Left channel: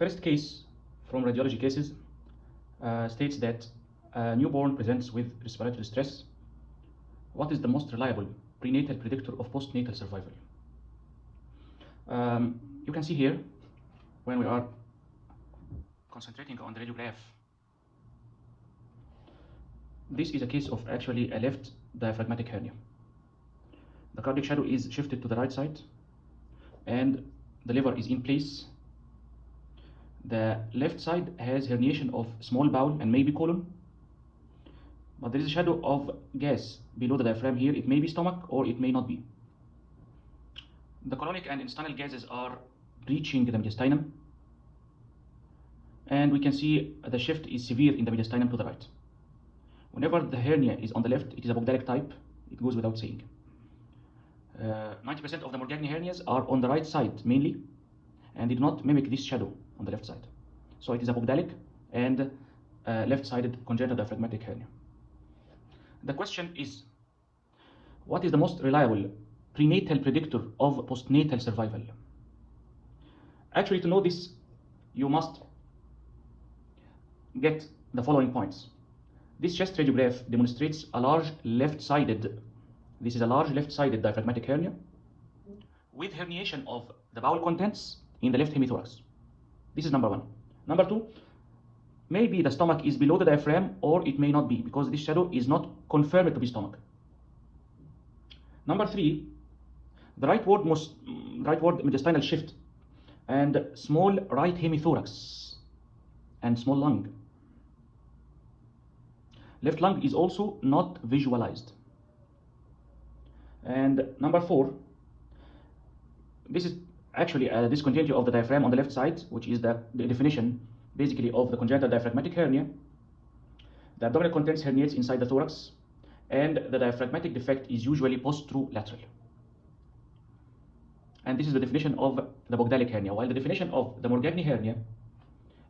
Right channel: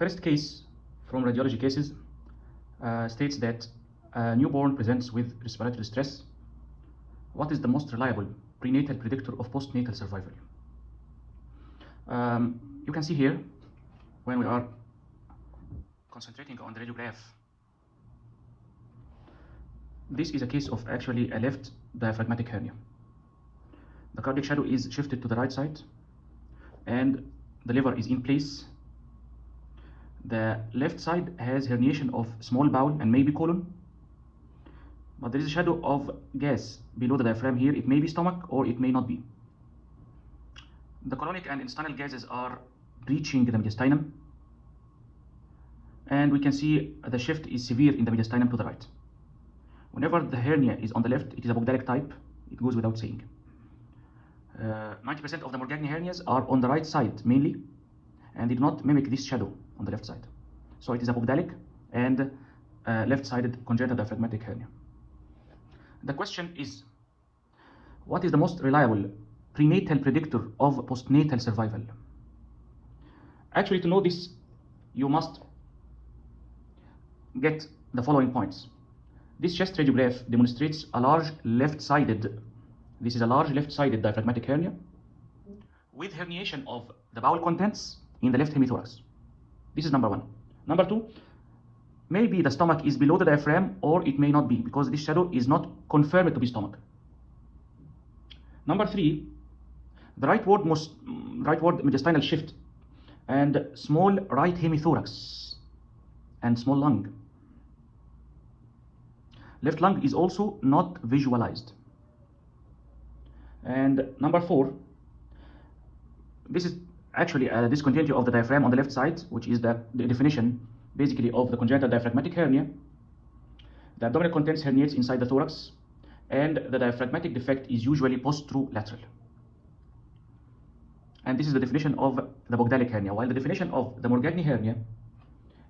First case from radiology cases states that a newborn presents with respiratory distress. What is the most reliable prenatal predictor of postnatal survival? You can see here, when we are concentrating on the radiograph, this is a case of actually a left diaphragmatic hernia. The cardiac shadow is shifted to the right side and the liver is in place. The left side has herniation of small bowel and maybe colon, but there is a shadow of gas below the diaphragm here. It may be stomach or it may not be. The colonic and intestinal gases are breaching the mediastinum, and we can see the shift is severe in the mediastinum to the right. Whenever the hernia is on the left, it is a Bogdalic type. It goes without saying. 90% of the Morgagni hernias are on the right side mainly, and they do not mimic this shadow on the left side. So it is a Bogdalic and left-sided congenital diaphragmatic hernia. The question is, what is the most reliable prenatal predictor of postnatal survival? Actually, to know this, you must get the following points. This chest radiograph demonstrates a large left-sided, this is a large left-sided diaphragmatic hernia with herniation of the bowel contents in the left hemithorax. This is number one. Number two, maybe the stomach is below the diaphragm or it may not be, because this shadow is not confirmed to be stomach. Number three, the rightward mediastinal shift and small right hemithorax and small lung. Left lung is also not visualized. And number four, this is actually a discontinuity of the diaphragm on the left side, which is the definition basically of the congenital diaphragmatic hernia. The abdominal contents herniates inside the thorax, and the diaphragmatic defect is usually posterolateral. And this is the definition of the Bogdalic hernia, while the definition of the Morgagni hernia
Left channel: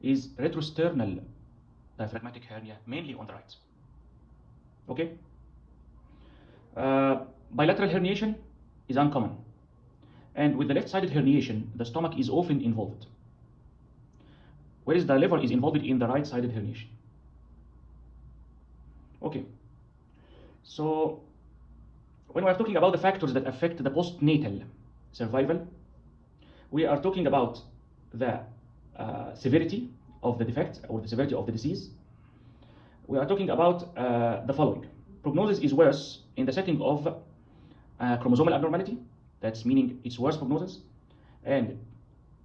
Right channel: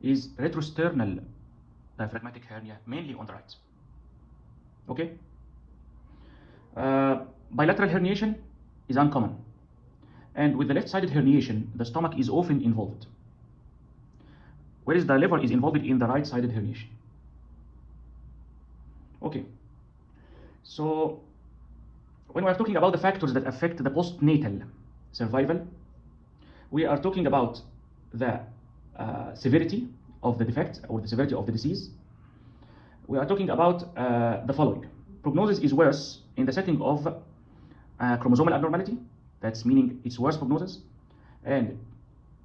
is retrosternal diaphragmatic hernia, mainly on the right. Okay? Bilateral herniation is uncommon, and with the left-sided herniation, the stomach is often involved, whereas the liver is involved in the right-sided herniation. Okay, so when we are talking about the factors that affect the postnatal survival, we are talking about the severity of the defect or the severity of the disease. We are talking about the following. Prognosis is worse in the setting of chromosomal abnormality, that's meaning it's worse prognosis, and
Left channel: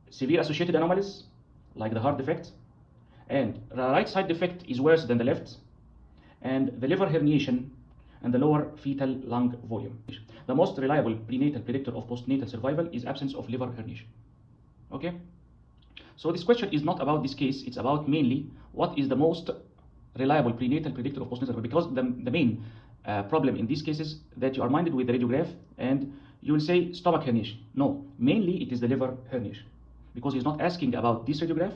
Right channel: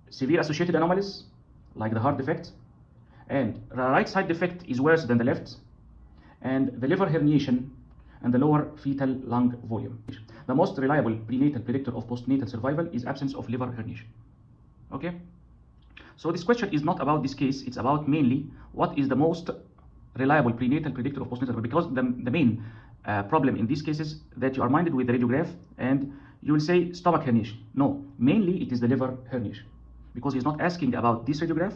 severe associated anomalies like the heart defect, and the right side defect is worse than the left, and the liver herniation and the lower fetal lung volume. The most reliable prenatal predictor of postnatal survival is absence of liver herniation. Okay, so this question is not about this case, it's about mainly what is the most reliable prenatal predictor of postnatal survival, because the main problem in these cases that you are minded with the radiograph and you will say stomach herniation. No, mainly it is the liver herniation, because he's not asking about this radiograph,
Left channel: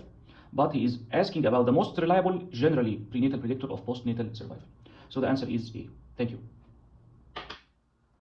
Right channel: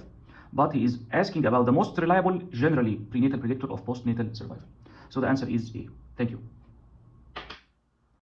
but he is asking about the most reliable generally prenatal predictor of postnatal survival. So the answer is A. Thank you.